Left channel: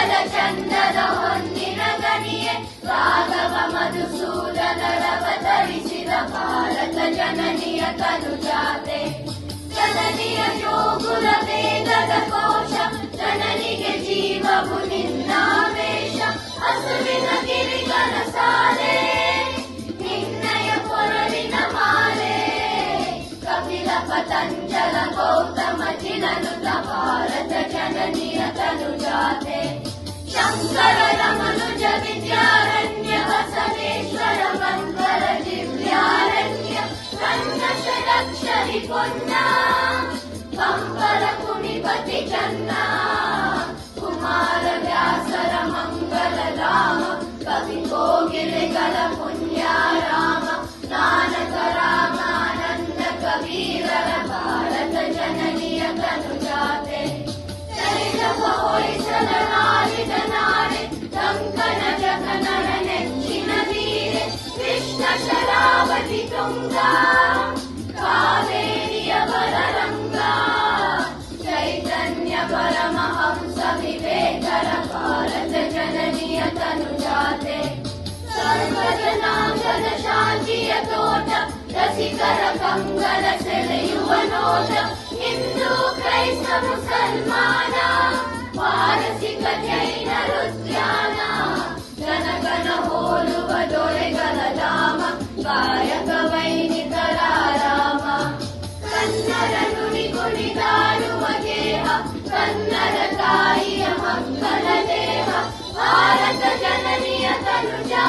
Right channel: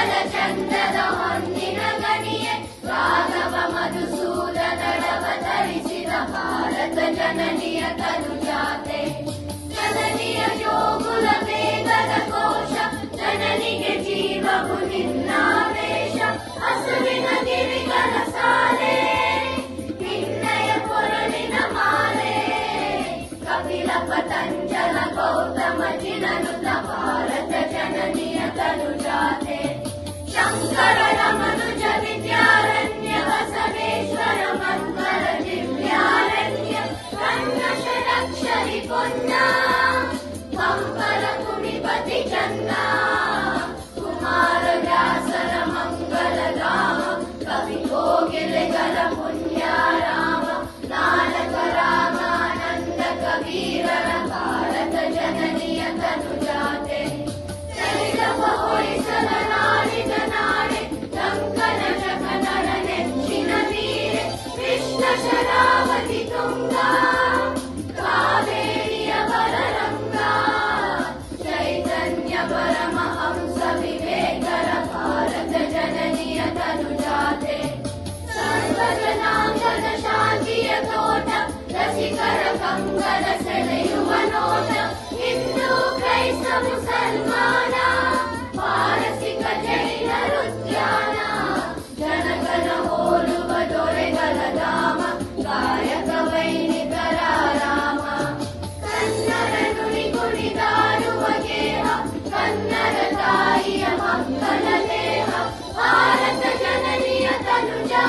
ಮಂಗಲ ಚಂದದ ಹೊನ್ನಿನ ಗಣಿಯೇ ರಾಘವ ಮಧುಸೂದನರವತರಿಸಿದ ಭಾರತ ಜನನಿಯ ತನುಜಾತೆ ಜನನಿಯ ಜೋಗುಲ ವೇದದ ಕೋಶ ಜನನಿಗೆ ಜೀವವು ನಿನ್ನಾವೇಶ ಹಸುವಿನ ಗಿರಿಗಳ ಸಾಲೆ ನಿನ್ನಯ ಕೊರಳಿನ ಮಾಲೆ ಕಪಿಲ ಪತಂಜಲ ಗೌತಮ ಜಿನನುತ ಭಾರತ ಜನನಿಯ ತನುಜಾತೆ ಶಂಕರನ ಮನುಜ ವಿದ್ಯಾರಣ್ಯ ಬಸವೇಶ್ವರ ಮಂಗಳ ದಿವ್ಯಾರಣ್ಯ ನನ್ನ ಷಡಕ್ಷರಿ ಪೊನ್ನ ಕಂಬರ ಕುಣಿಪತಿ ಚನ್ನ ಕುಮಾರ ವ್ಯಾಸರ ಮಂಗಲ ಧಾಮ ಕವಿ ಕೋಗಿಲೆಗಳ ಪುಣ್ಯಾರಾಮ ನಾನಕ ರಾಮಾನಂದ ಕಬೀರರ ಭಾರತ ಜನನಿಯ ತನುಜಾತೆ ಹೊಳಿಸಲ ನಾಡಿದ ನಾಡೆ ಕಂಕನ ಜಗನನ ನೆಚ್ಚಿನ ನೀರೆ ಕೃಷ್ಣ ಶರಾವತಿ ತುಂಗ ಕಾವೇರಿಯ ಬರರಂಗ ಚೈತನ್ಯ ಪರಮಹಂಸ ವಿವೇಕರ ಭಾರತ ಜನನಿಯ ತನುಜಾತೆ ಸರ್ವಜನಾಂಗದ ಶಾಂತಿಯ ತೋಟ ರಸಿಕರ ಕಂಕರ ಸೆಳೆಯುವ ನೋಟ ಹಿಂದೂ ಕ್ರೈಸ್ತ ಮುಸಲ್ಮಾನ ಪಾರಸಿಕ ಜೈನ ಉದ್ಯಾನ ಜನಕನ ಹೋಲುವ ದೊರೆಗಳ ಧಾಮ ಗಾಯಕ ವೈನಿಕರ ರಾಮ ಕನ್ನಡ ನುಡಿ ಕುಣಿದಾಡುವ ಗೇಹ ಕನ್ನಡ ತಾಯಿಯ ಮಕ್ಕಳ ದೇಹ ಭಾರತ ಜನನಿಯ ತನುಜಾ